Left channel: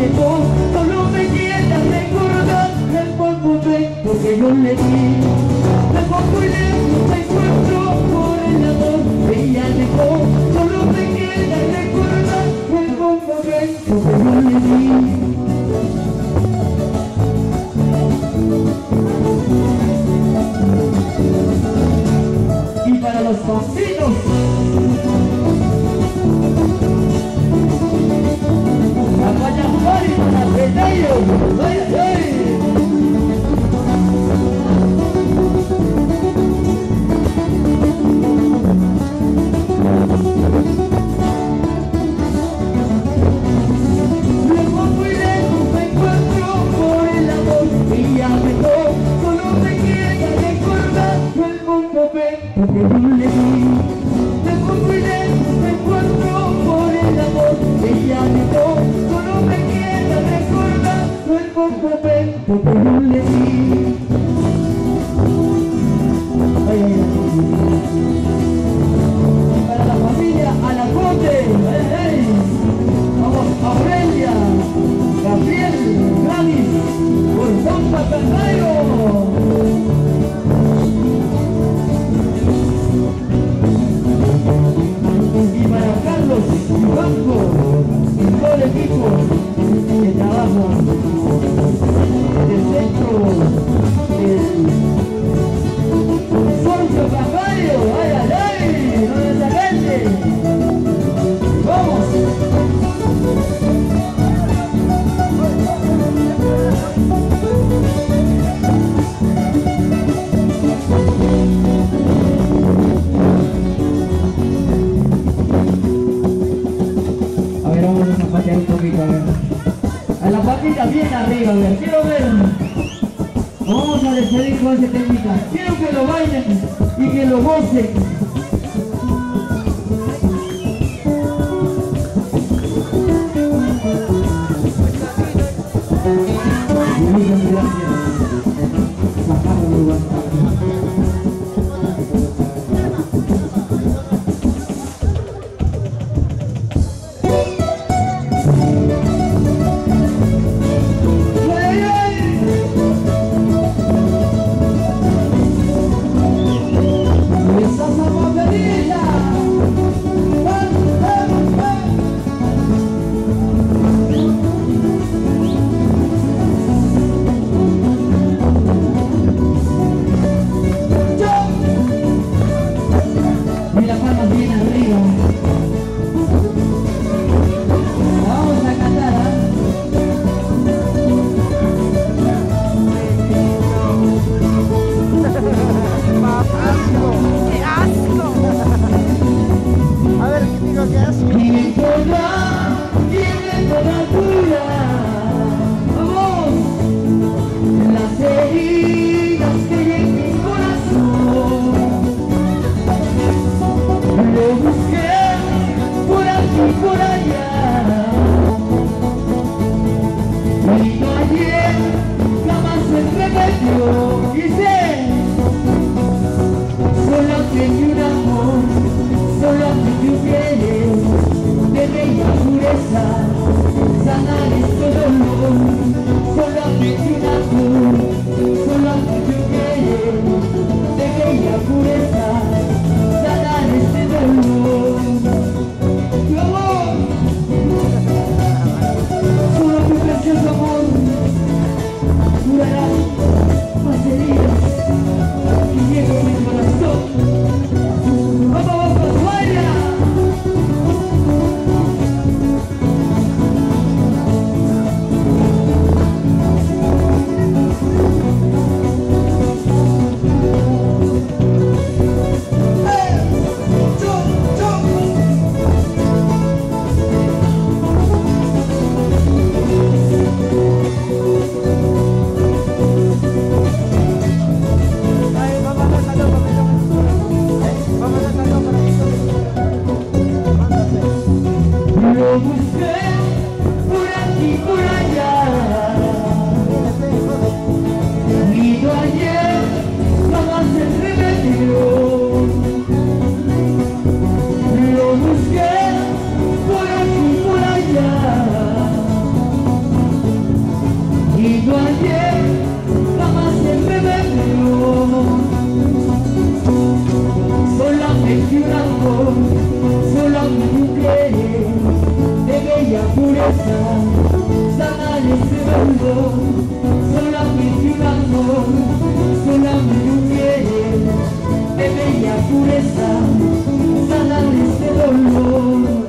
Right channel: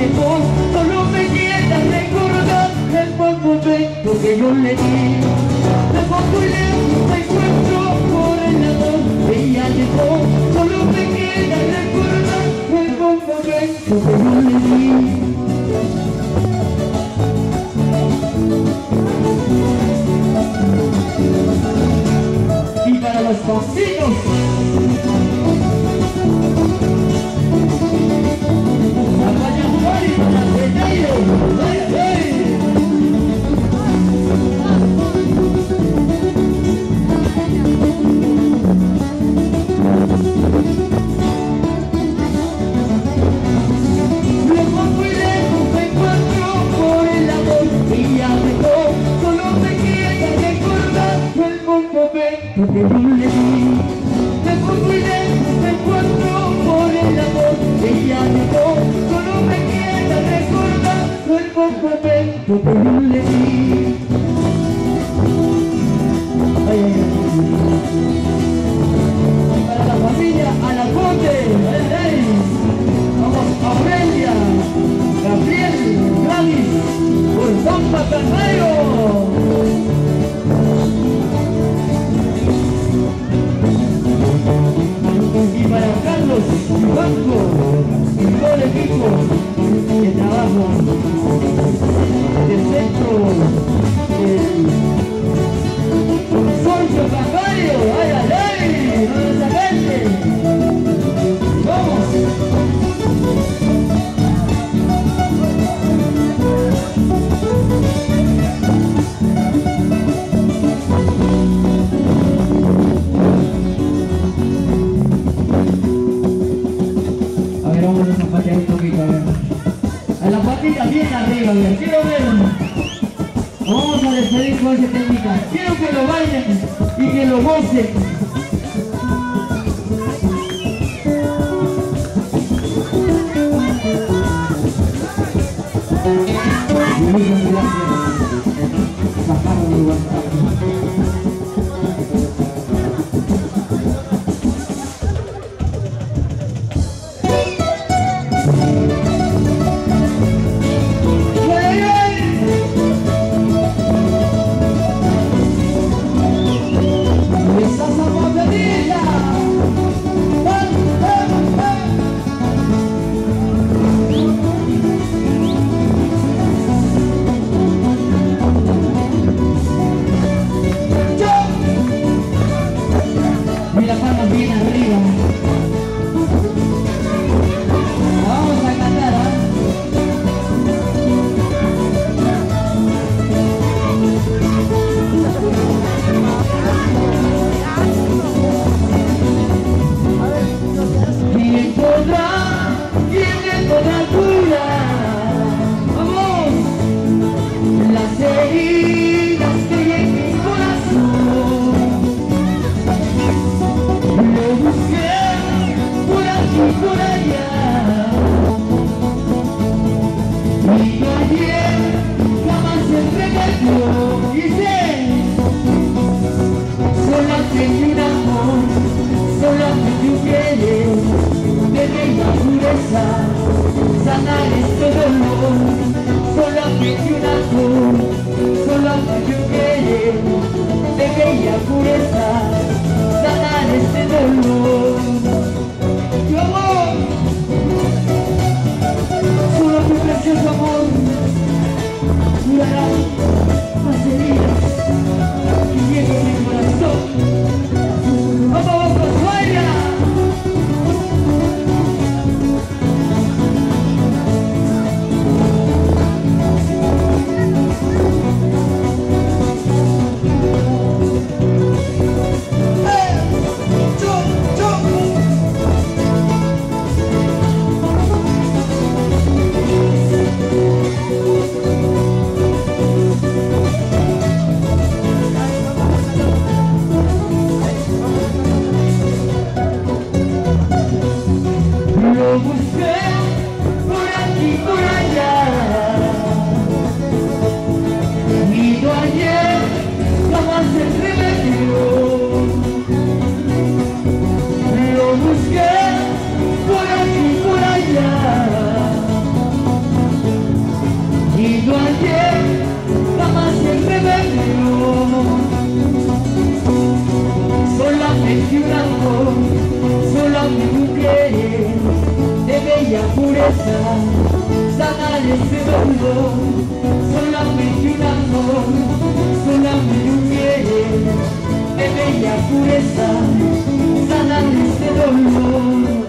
dejó, solo me queda recordar el buen momento que yo le di. Lejos muy lejos me encuentro por el amor que ella dejó, solo me queda recordar el buen momento que yo le di. Y para los vecinos, la vaya Juárez, la Peteiro, ¡ay, ay! Lejos muy lejos me encuentro por el amor que ella dejó, solo me queda recordar el buen momento que yo le di. Lejos muy lejos me encuentro por el amor que ella dejó, solo me queda recordar el buen momento que yo le di. Ay, ay, ay. Para la familia Alaconte, ay, ay. Vamos, Aurelia, Gabriel, Gladys, por Zampa Carrero. Y para Carlos y Banco y todo el equipo de trabajo del centro del consorcio bancario, ay, ay, ay, ¿dónde está gente? ¡Vamos! A ver, vamos a zapatear un poquito, a ver. A la patita bien arriba, a ver, quiero ver. Nos vamos a despedir con esa técnica. Quiero que lo bailen y que lo gocen. Muchas gracias. Bajamos el WhatsApp. sanar ese dolor, solamente un amor, solamente un bien, de bella pureza, sanar ese dolor.